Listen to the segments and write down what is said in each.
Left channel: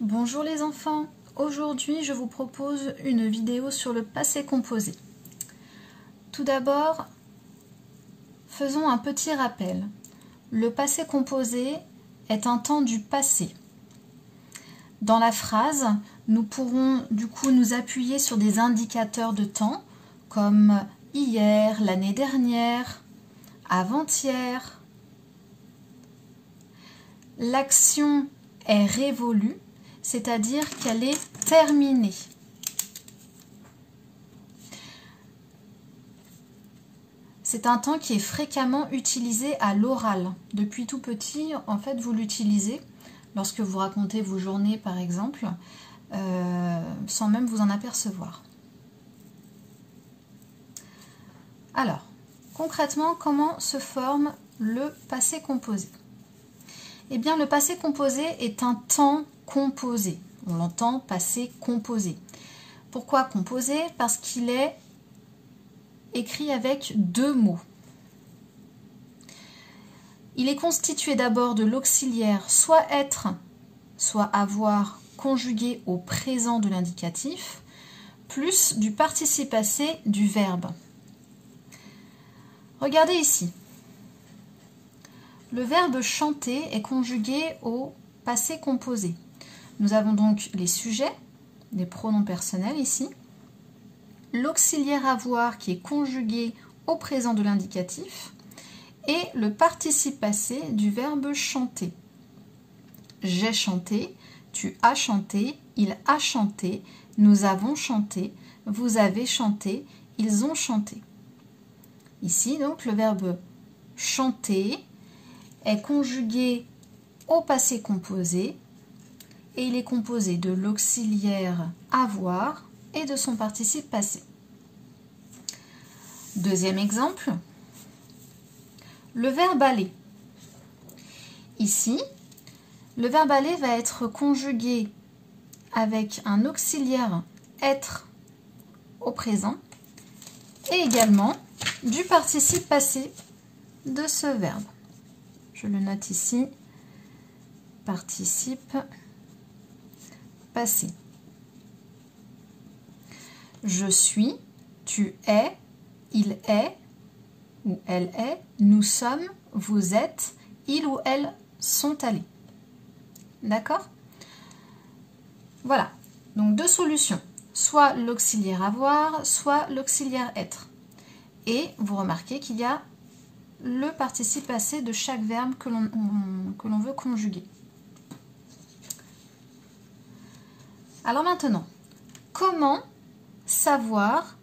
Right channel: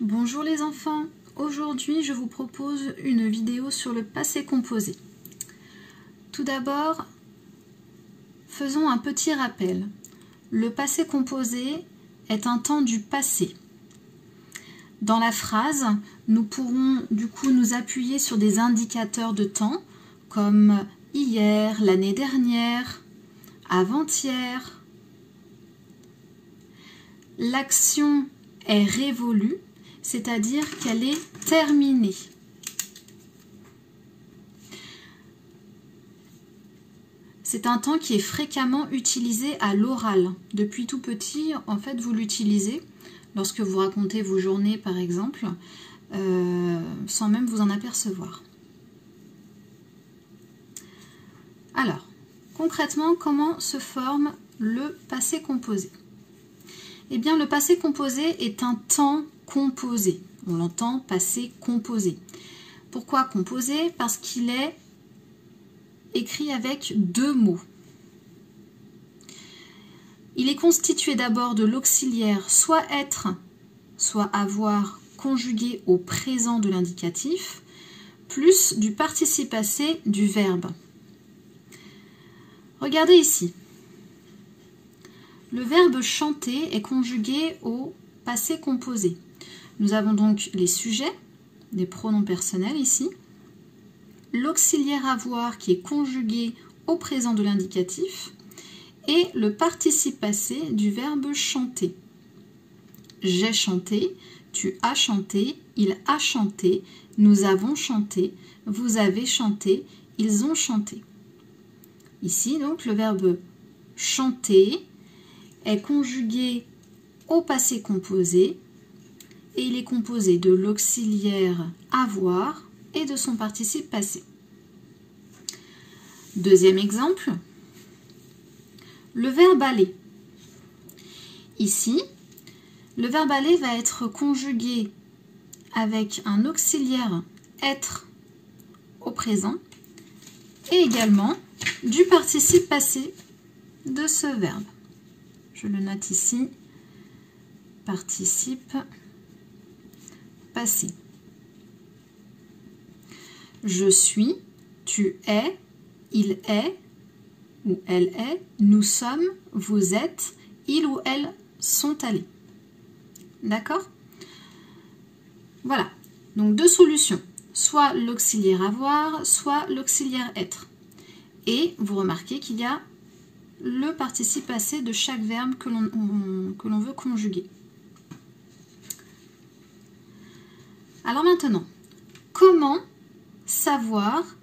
Bonjour les enfants, aujourd'hui je vous propose une vidéo sur le passé composé. Tout d'abord, faisons un petit rappel. Le passé composé est un temps du passé. Dans la phrase, nous pourrons du coup nous appuyer sur des indicateurs de temps comme hier, l'année dernière, avant-hier. L'action est révolue, c'est-à-dire qu'elle est terminée. C'est un temps qui est fréquemment utilisé à l'oral. Depuis tout petit, en fait, vous l'utilisez lorsque vous racontez vos journées, par exemple, sans même vous en apercevoir. Alors, concrètement, comment se forme le passé composé? Eh bien, le passé composé est un temps composé. On l'entend passé composé. Pourquoi composé? Parce qu'il est écrit avec deux mots. Il est constitué d'abord de l'auxiliaire soit être, soit avoir conjugué au présent de l'indicatif, plus du participe passé du verbe. Regardez ici. Le verbe chanter est conjugué au passé composé. Nous avons donc les sujets, des pronoms personnels ici, l'auxiliaire avoir qui est conjugué au présent de l'indicatif et le participe passé du verbe chanter. J'ai chanté, tu as chanté, il a chanté, nous avons chanté, vous avez chanté, ils ont chanté. Ici donc le verbe chanter est conjugué au passé composé et il est composé de l'auxiliaire avoir et de son participe passé. Deuxième exemple, le verbe aller. Ici, le verbe aller va être conjugué avec un auxiliaire être au présent et également du participe passé de ce verbe. Je le note ici, participe passé. Je suis, tu es, il est ou elle est, nous sommes, vous êtes, ils ou elles sont allés. D'accord? Voilà. Donc deux solutions. Soit l'auxiliaire avoir, soit l'auxiliaire être. Et vous remarquez qu'il y a le participe passé de chaque verbe que l'on veut conjuguer. Alors maintenant, comment savoir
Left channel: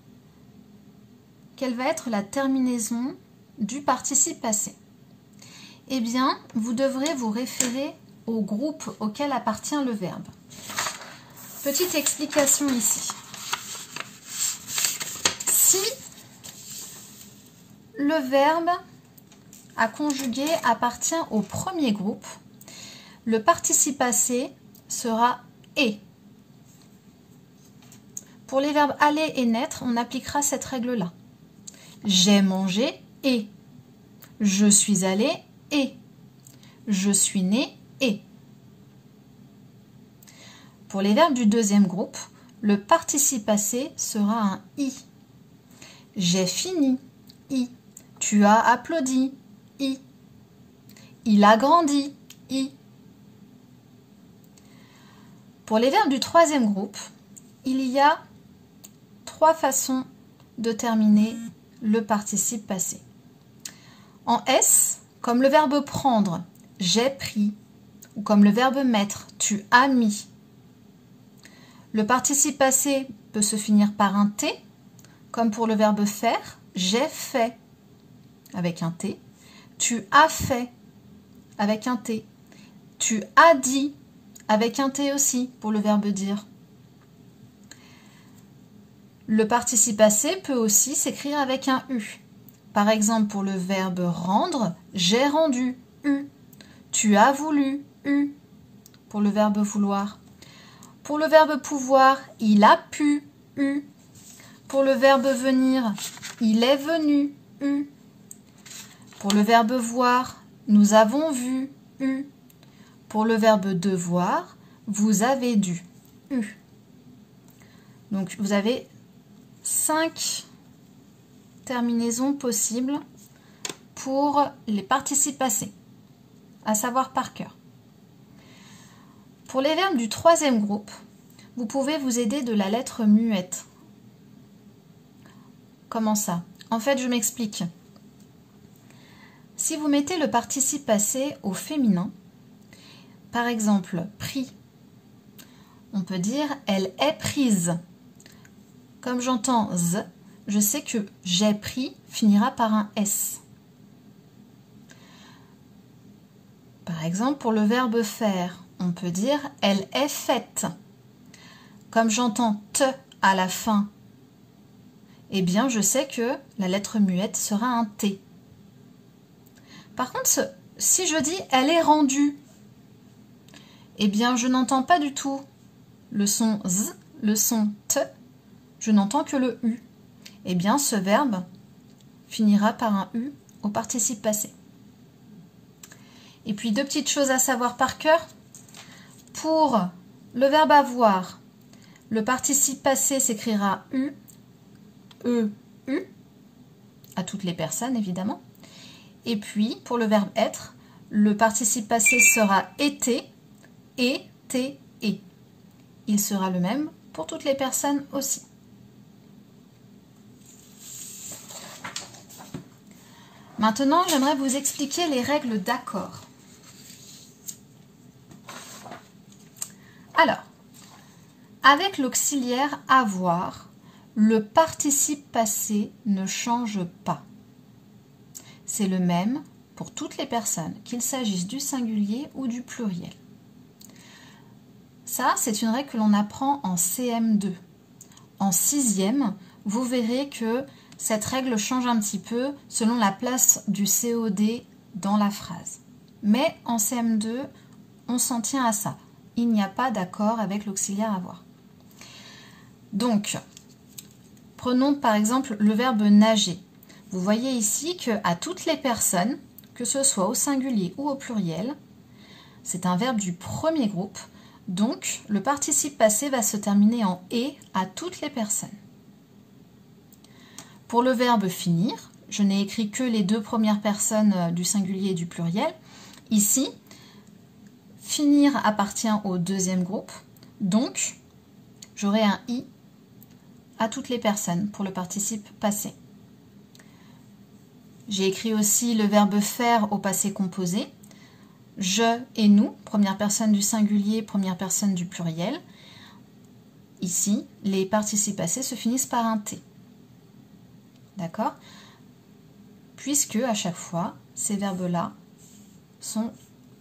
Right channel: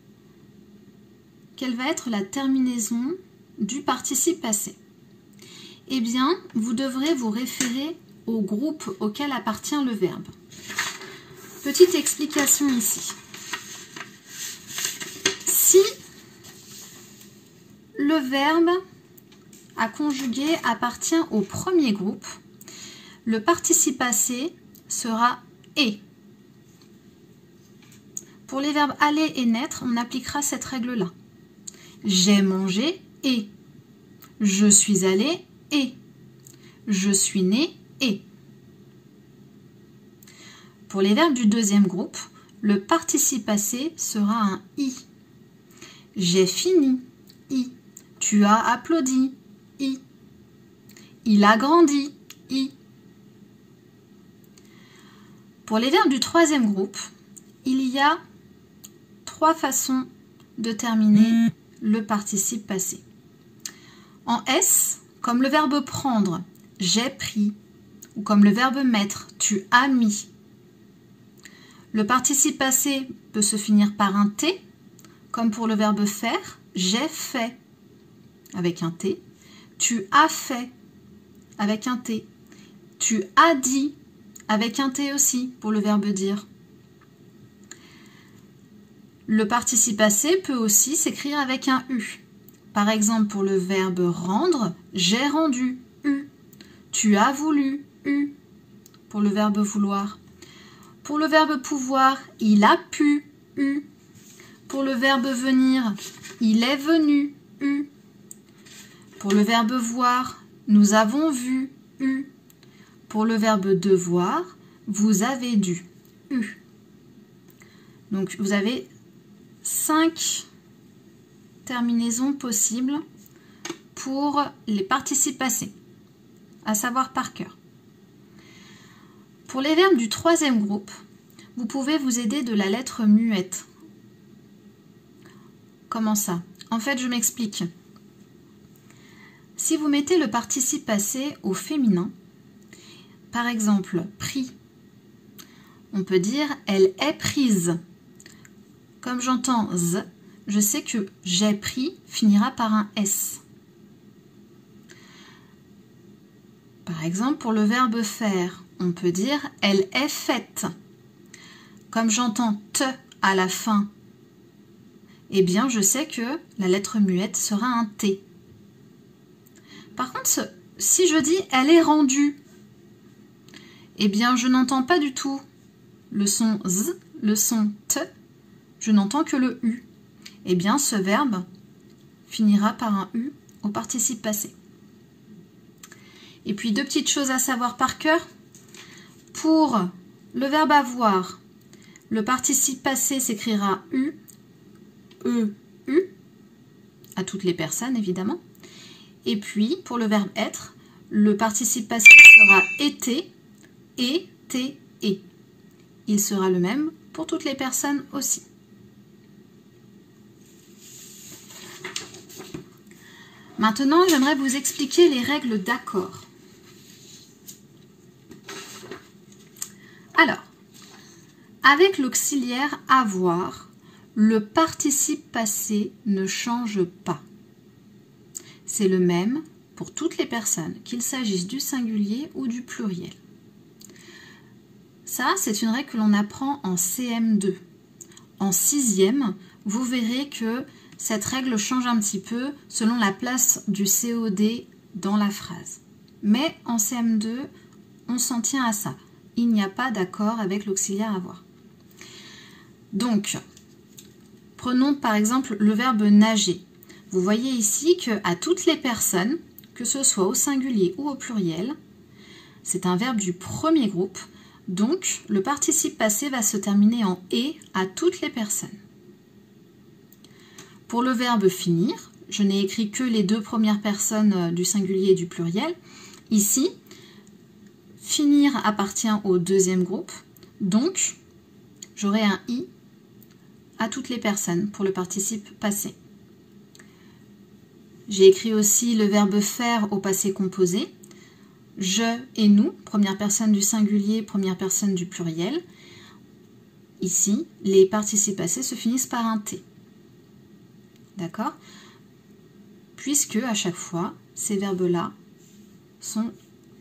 quelle va être la terminaison du participe passé? Eh bien, vous devrez vous référer au groupe auquel appartient le verbe. Petite explication ici. Si le verbe à conjuguer appartient au premier groupe, le participe passé sera « est ». Pour les verbes aller et naître, on appliquera cette règle-là. J'ai mangé et. Je suis allé et. Je suis né et. Pour les verbes du deuxième groupe, le participe passé sera un i. J'ai fini i. Tu as applaudi i. Il a grandi i. Pour les verbes du troisième groupe, il y a trois façons de terminer le participe passé. En S, comme le verbe prendre, j'ai pris, ou comme le verbe mettre, tu as mis. Le participe passé peut se finir par un T, comme pour le verbe faire, j'ai fait, avec un T. Tu as fait, avec un T. Tu as dit, avec un T aussi, pour le verbe dire. Le participe passé peut aussi s'écrire avec un U. Par exemple, pour le verbe rendre, j'ai rendu, U. Tu as voulu, U. Pour le verbe vouloir. Pour le verbe pouvoir, il a pu, U. Pour le verbe venir, il est venu, U. Pour le verbe voir, nous avons vu, U. Pour le verbe devoir, vous avez du, eu. Donc vous avez 5 terminaisons possibles pour les participes passés, à savoir par cœur. Pour les verbes du troisième groupe, vous pouvez vous aider de la lettre muette. Comment ça? En fait, je m'explique. Si vous mettez le participe passé au féminin, par exemple, pris, on peut dire elle est prise. Comme j'entends z, je sais que j'ai pris finira par un s. Par exemple, pour le verbe faire, on peut dire elle est faite. Comme j'entends te à la fin, eh bien je sais que la lettre muette sera un t. Par contre, si je dis elle est rendue, eh bien je n'entends pas du tout le son z, le son t, je n'entends que le u. Eh bien ce verbe finira par un u au participe passé. Et puis deux petites choses à savoir par cœur. Pour le verbe avoir, le participe passé s'écrira u, e, u, à toutes les personnes évidemment. Et puis pour le verbe être, le participe passé sera été, et. Il sera le même pour toutes les personnes aussi. Maintenant, j'aimerais vous expliquer les règles d'accord. Alors, avec l'auxiliaire avoir, le participe passé ne change pas. C'est le même pour toutes les personnes, qu'il s'agisse du singulier ou du pluriel. Ça, c'est une règle que l'on apprend en CM2. En 6e, vous verrez que cette règle change un petit peu selon la place du COD dans la phrase. Mais en CM2, on s'en tient à ça. Il n'y a pas d'accord avec l'auxiliaire avoir. Donc, prenons par exemple le verbe nager. Vous voyez ici qu'à toutes les personnes, que ce soit au singulier ou au pluriel, c'est un verbe du premier groupe. Donc, le participe passé va se terminer en « et » à toutes les personnes. Pour le verbe finir, je n'ai écrit que les deux premières personnes du singulier et du pluriel. Ici, finir appartient au deuxième groupe. Donc, j'aurai un « i » à toutes les personnes pour le participe passé. J'ai écrit aussi le verbe faire au passé composé. Je et nous, première personne du singulier, première personne du pluriel. Ici, les participes passés se finissent par un T. D'accord? Puisque à chaque fois, ces verbes-là sont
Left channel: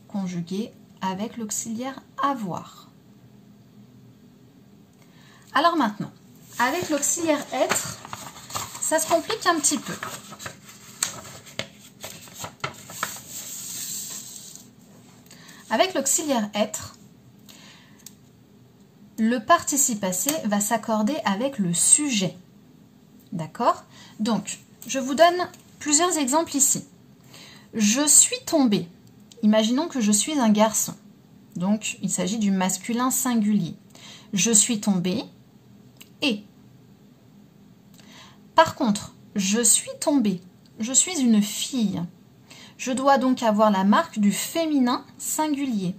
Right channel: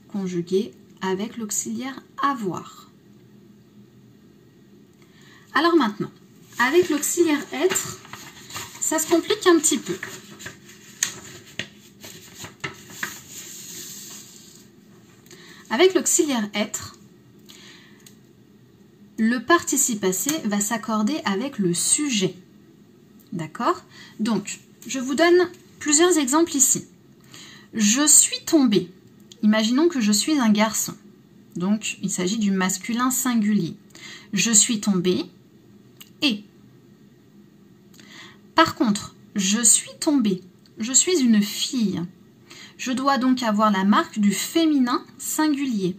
conjugués avec l'auxiliaire avoir. Alors maintenant, avec l'auxiliaire être, ça se complique un petit peu. Avec l'auxiliaire être, le participe passé va s'accorder avec le sujet. D'accord? Donc, je vous donne plusieurs exemples ici. Je suis tombée. Imaginons que je suis un garçon. Donc, il s'agit du masculin singulier. Je suis tombée et. Par contre, je suis tombée. Je suis une fille. Je dois donc avoir la marque du féminin singulier.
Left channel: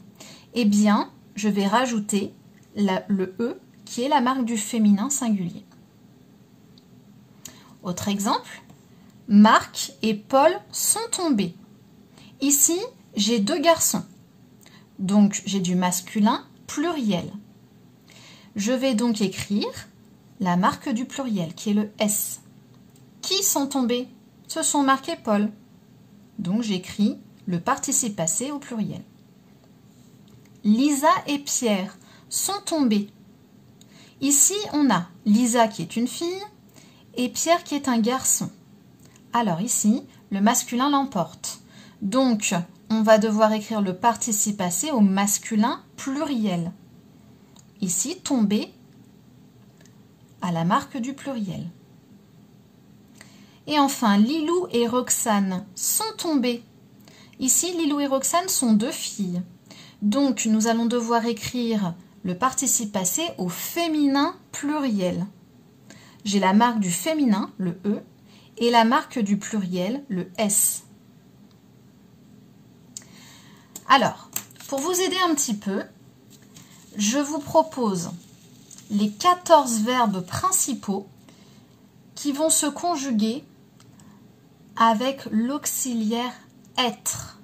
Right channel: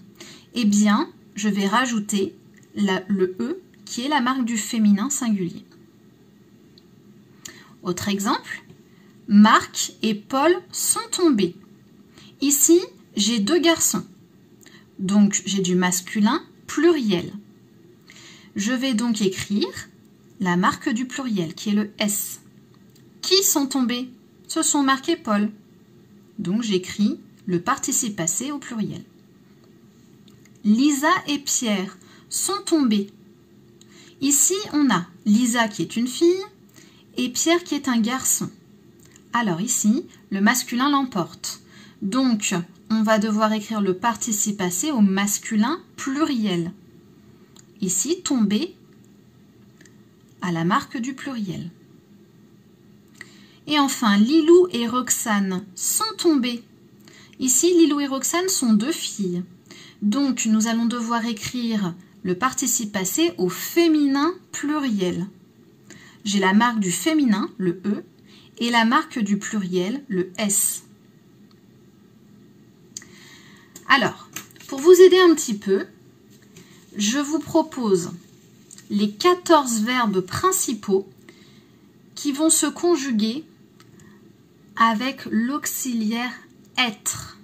Eh bien, je vais rajouter le « e » qui est la marque du féminin singulier. Autre exemple, Marc et Paul sont tombés. Ici, j'ai deux garçons. Donc, j'ai du masculin pluriel. Je vais donc écrire la marque du pluriel qui est le S. Qui sont tombés? Ce sont Marc et Paul. Donc, j'écris le participe passé au pluriel. Lisa et Pierre sont tombés. Ici, on a Lisa qui est une fille et Pierre qui est un garçon. Alors ici, le masculin l'emporte. Donc, on va devoir écrire le participe passé au masculin pluriel. Ici, tomber à la marque du pluriel. Et enfin, Lilou et Roxane sont tombés. Ici, Lilou et Roxane sont deux filles. Donc, nous allons devoir écrire le participe passé au féminin pluriel. J'ai la marque du féminin, le E, et la marque du pluriel, le S. Alors, pour vous aider un petit peu, je vous propose les 14 verbes principaux qui vont se conjuguer avec l'auxiliaire être.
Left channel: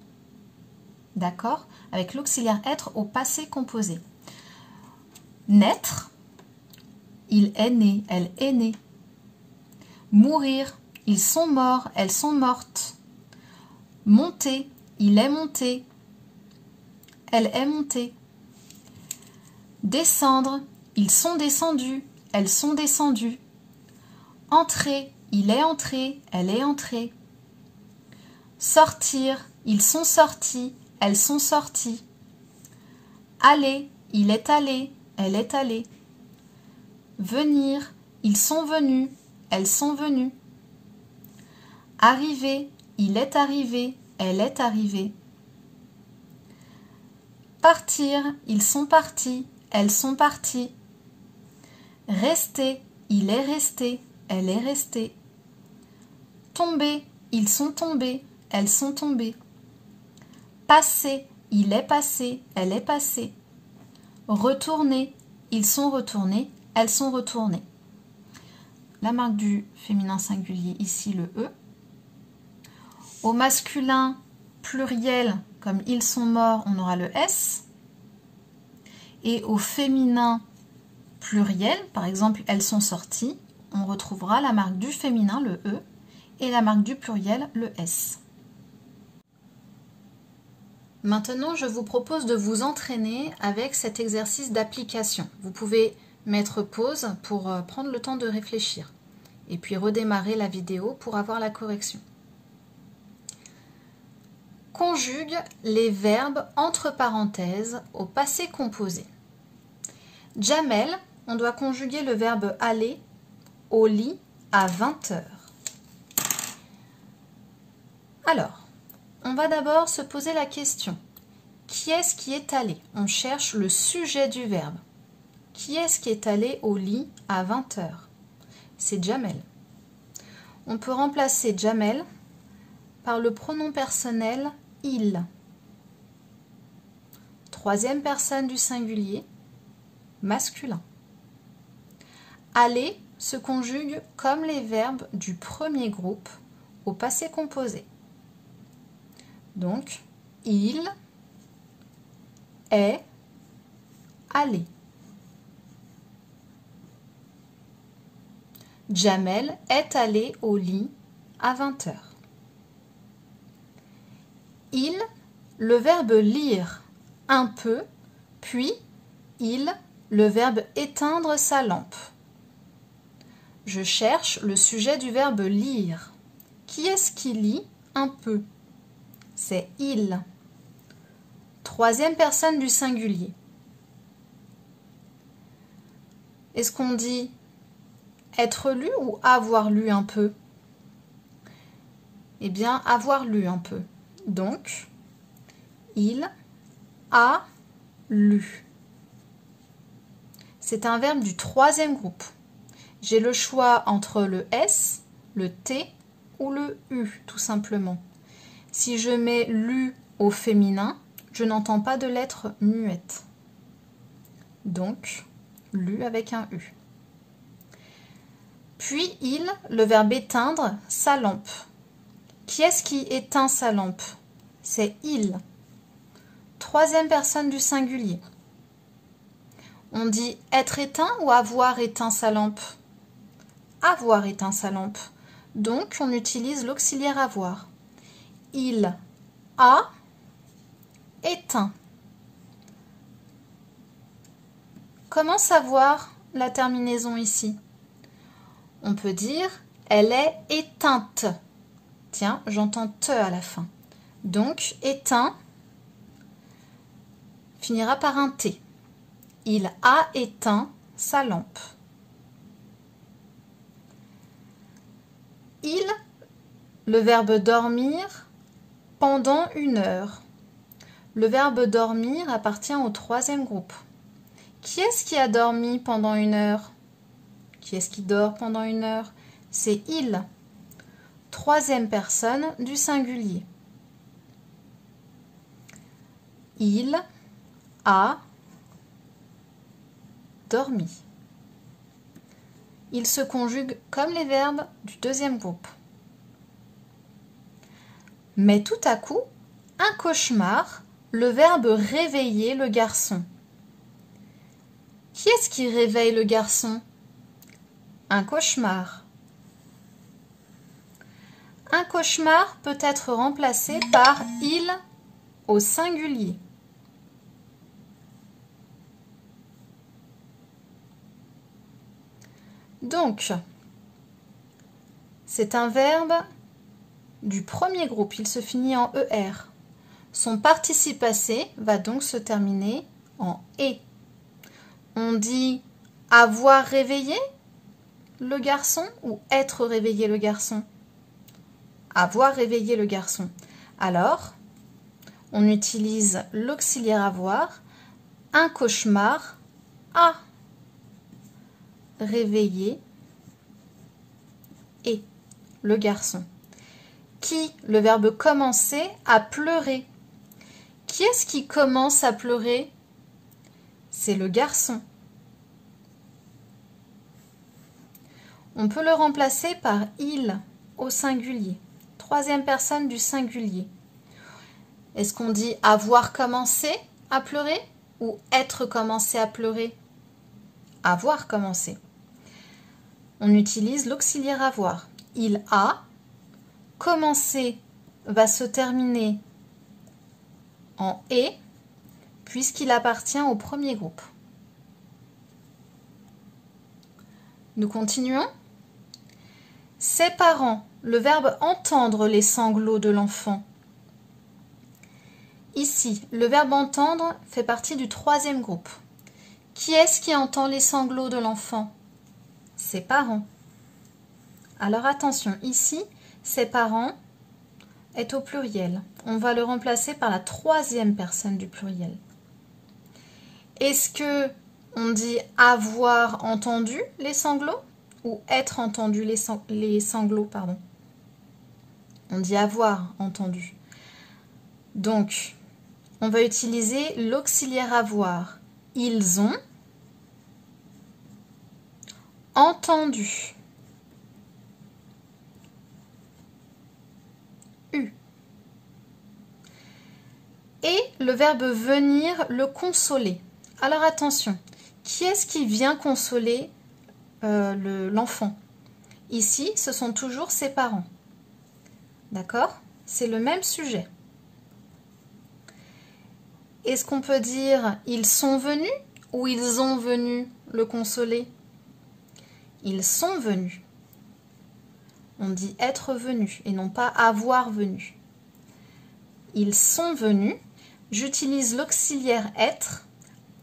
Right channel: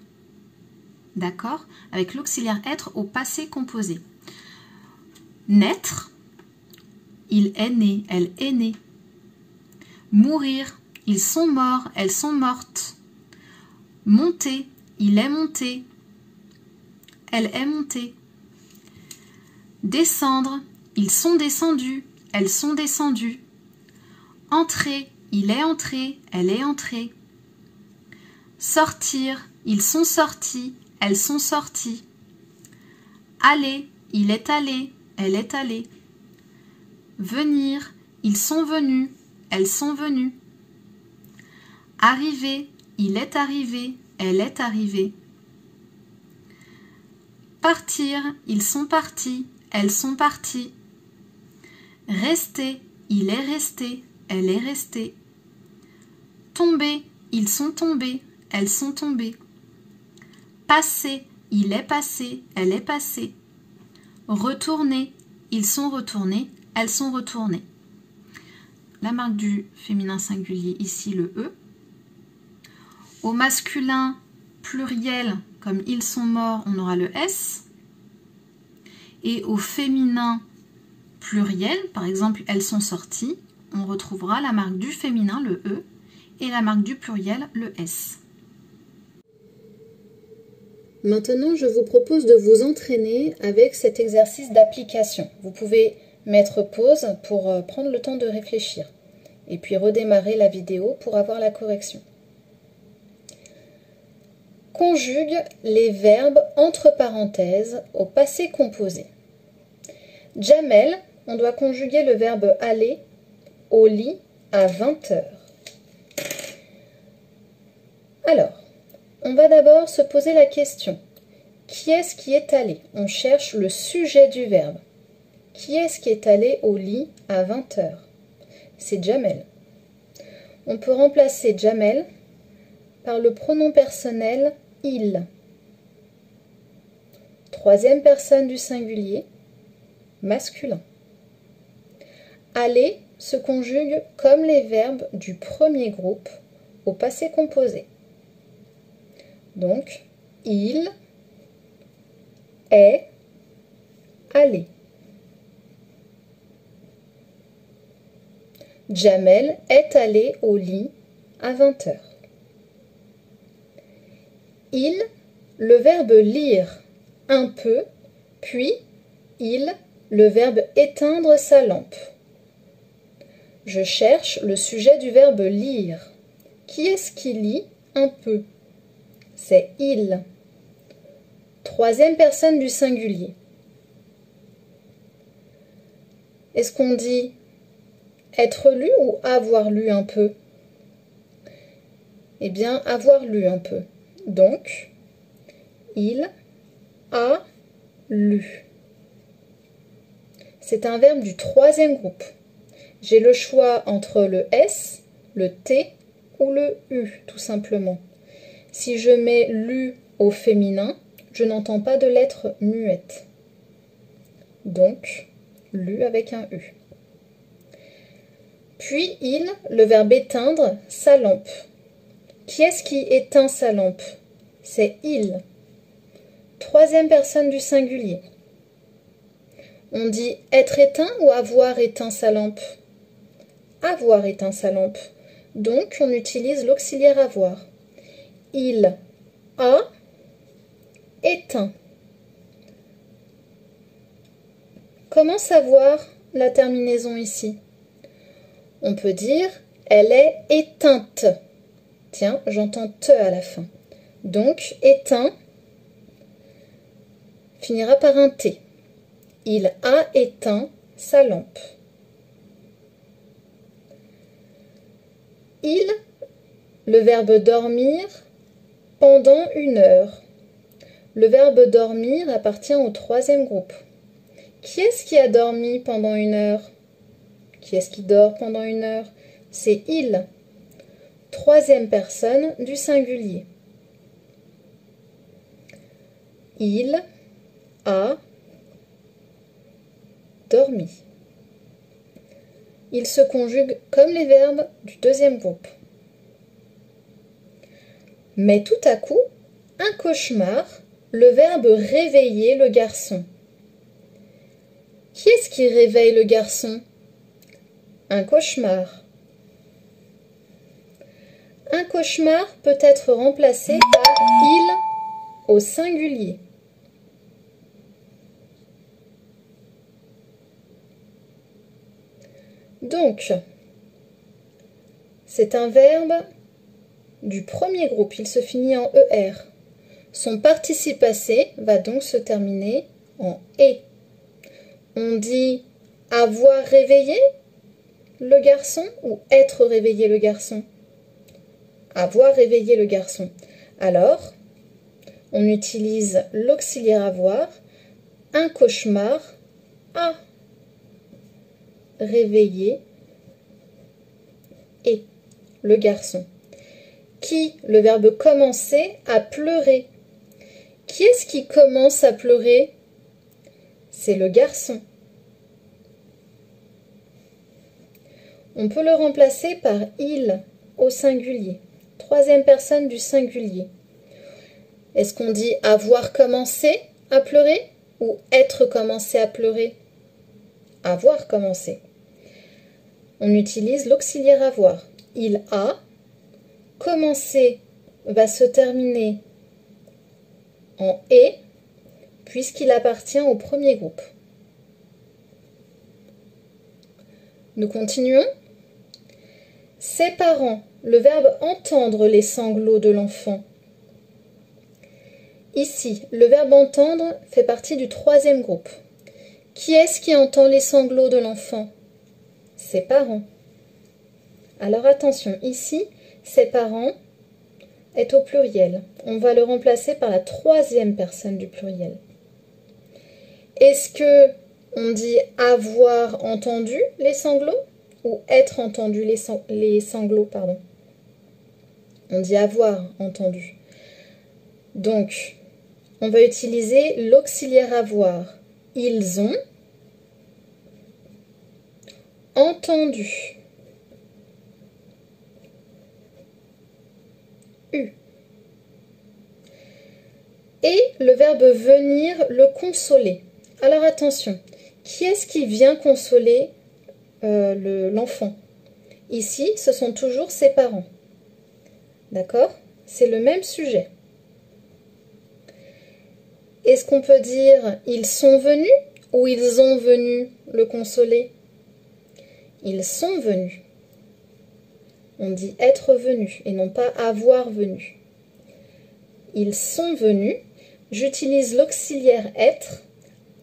D'accord? Avec l'auxiliaire être au passé composé. Naître, il est né, elle est née. Mourir, ils sont morts, elles sont mortes. Monter, il est monté, elle est montée. Descendre, ils sont descendus, elles sont descendues. Entrer, il est entré, elle est entrée. Sortir, ils sont sortis, elles sont sorties. Aller, il est allé, elle est allée. Venir, ils sont venus, elles sont venues. Arriver, il est arrivé, elle est arrivée. Partir, ils sont partis, elles sont parties. Rester, il est resté, elle est restée. Tomber, ils sont tombés, elles sont tombées. Passer, il est passé, elle est passée. Retourner, ils sont retournés, elles sont retournées. La marque du féminin singulier, ici le E. Au masculin pluriel, comme ils sont morts, on aura le S. Et au féminin pluriel, par exemple, elles sont sorties, on retrouvera la marque du féminin, le E, et la marque du pluriel, le S. Maintenant, je vous propose de vous entraîner avec cet exercice d'application. Vous pouvez mettre pause pour prendre le temps de réfléchir et puis redémarrer la vidéo pour avoir la correction. Conjugue les verbes entre parenthèses au passé composé. Jamel, on doit conjuguer le verbe aller au lit à 20 h. Alors, on va d'abord se poser la question. Qui est-ce qui est allé? On cherche le sujet du verbe. Qui est-ce qui est allé au lit à 20 h? C'est Jamel. On peut remplacer Jamel par le pronom personnel il. Troisième personne du singulier, masculin. Aller se conjugue comme les verbes du premier groupe au passé composé. Donc, il est allé. Jamel est allé au lit à 20 h. Il, le verbe lire un peu, puis il, le verbe éteindre sa lampe. Je cherche le sujet du verbe lire. Qui est-ce qui lit un peu? C'est il. Troisième personne du singulier. Est-ce qu'on dit être lu ou avoir lu un peu? Eh bien, avoir lu un peu. Donc, il a lu. C'est un verbe du troisième groupe. J'ai le choix entre le S, le T ou le U, tout simplement. Si je mets lu au féminin, je n'entends pas de lettre muette. Donc, lu avec un U. Puis il, le verbe éteindre sa lampe. Qui est-ce qui éteint sa lampe? C'est il. Troisième personne du singulier. On dit être éteint ou avoir éteint sa lampe? Avoir éteint sa lampe. Donc, on utilise l'auxiliaire avoir. Il a éteint. Comment savoir la terminaison ici? On peut dire elle est éteinte. Tiens, j'entends te à la fin. Donc, éteint finira par un T. Il a éteint sa lampe. Il, le verbe dormir, pendant 1 heure. Le verbe dormir appartient au troisième groupe. Qui est-ce qui a dormi pendant 1 heure? Qui est-ce qui dort pendant 1 heure? C'est il. Troisième personne du singulier. Il a dormi. Il se conjugue comme les verbes du deuxième groupe. Mais tout à coup, un cauchemar, le verbe réveiller le garçon. Qui est-ce qui réveille le garçon? Un cauchemar. Un cauchemar peut être remplacé par il au singulier. Donc, c'est un verbe du premier groupe, il se finit en ER. Son participe passé va donc se terminer en E. On dit avoir réveillé le garçon ou être réveillé le garçon? Avoir réveillé le garçon. Alors, on utilise l'auxiliaire avoir, un cauchemar a réveillé et le garçon. Qui, le verbe commencer, a pleuré. Qui est-ce qui commence à pleurer? C'est le garçon. On peut le remplacer par il au singulier. Troisième personne du singulier. Est-ce qu'on dit avoir commencé à pleurer ou être commencé à pleurer? Avoir commencé. On utilise l'auxiliaire avoir. Il a commencé va se terminer en et puisqu'il appartient au premier groupe. Nous continuons. Ses parents, le verbe entendre les sanglots de l'enfant. Ici, le verbe entendre fait partie du troisième groupe. Qui est-ce qui entend les sanglots de l'enfant? Ses parents. Alors attention, ici, ses parents est au pluriel. On va le remplacer par la troisième personne du pluriel. Est-ce que on dit avoir entendu les sanglots ou être entendu les sanglots, pardon? On dit avoir entendu. Donc, on va utiliser l'auxiliaire avoir. Ils ont entendu. Et le verbe venir, le consoler. Alors attention, qui est-ce qui vient consoler l'enfant? Ici, ce sont toujours ses parents. D'accord? C'est le même sujet. Est-ce qu'on peut dire ils sont venus ou ils ont venu le consoler? Ils sont venus. On dit être venu et non pas avoir venu. Ils sont venus. J'utilise l'auxiliaire être.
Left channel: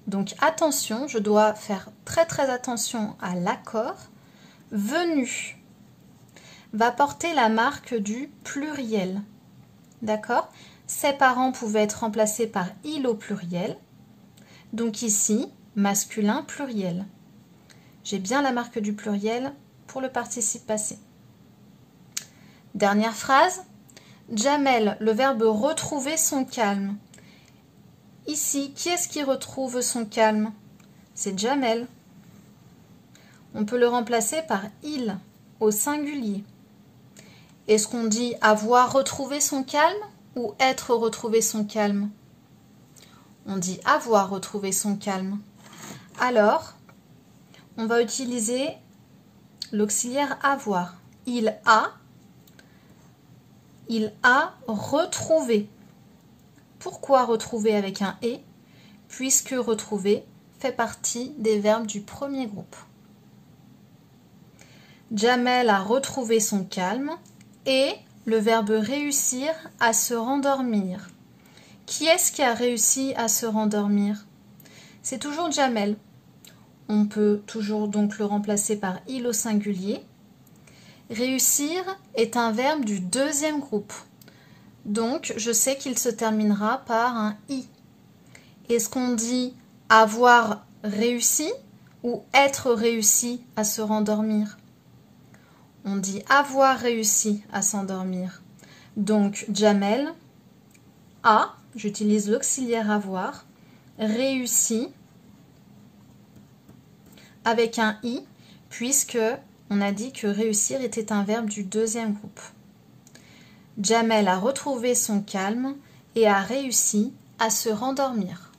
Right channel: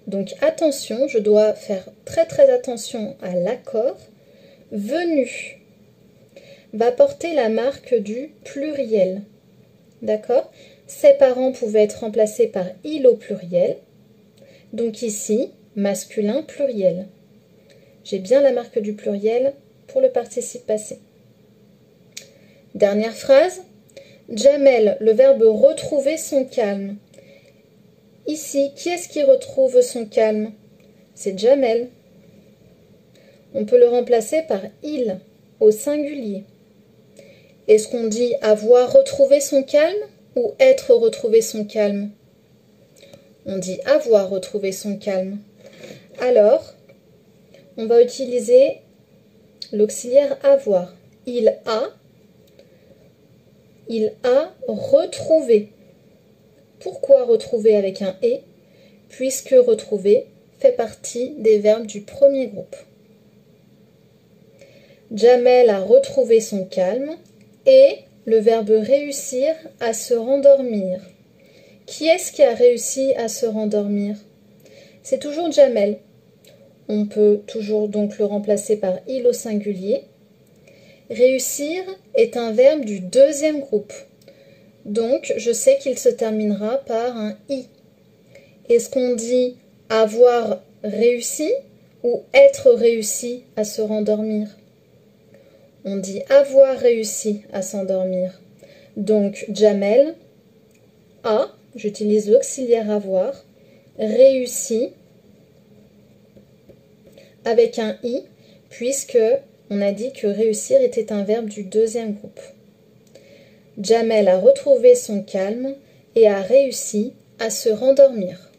Donc attention, je dois faire très attention à l'accord. Venu va porter la marque du pluriel. D'accord? Ses parents pouvaient être remplacés par il au pluriel. Donc ici, masculin pluriel. J'ai bien la marque du pluriel pour le participe passé. Dernière phrase. Jamel, le verbe retrouver son calme. Ici, qui est-ce qui retrouve son calme? C'est Jamel. On peut le remplacer par il au singulier. Est-ce qu'on dit avoir retrouvé son calme ou être retrouvé son calme? On dit avoir retrouvé son calme. Alors, on va utiliser l'auxiliaire avoir. Il a retrouvé. Pourquoi retrouver avec un « et » puisque retrouver fait partie des verbes du premier groupe. Jamel a retrouvé son calme et le verbe réussir à se rendormir. Qui est-ce qui a réussi à se rendormir? C'est toujours Jamel. On peut toujours donc le remplacer par il au singulier. Réussir est un verbe du deuxième groupe. Donc, je sais qu'il se terminera par un I. Est-ce qu'on dit avoir réussi ou être réussi à se rendormir? On dit avoir réussi à s'endormir. Donc, Jamel a, j'utilise l'auxiliaire avoir, réussi avec un I, puisque on a dit que réussir était un verbe du deuxième groupe. Jamel a retrouvé son calme et a réussi à se rendormir.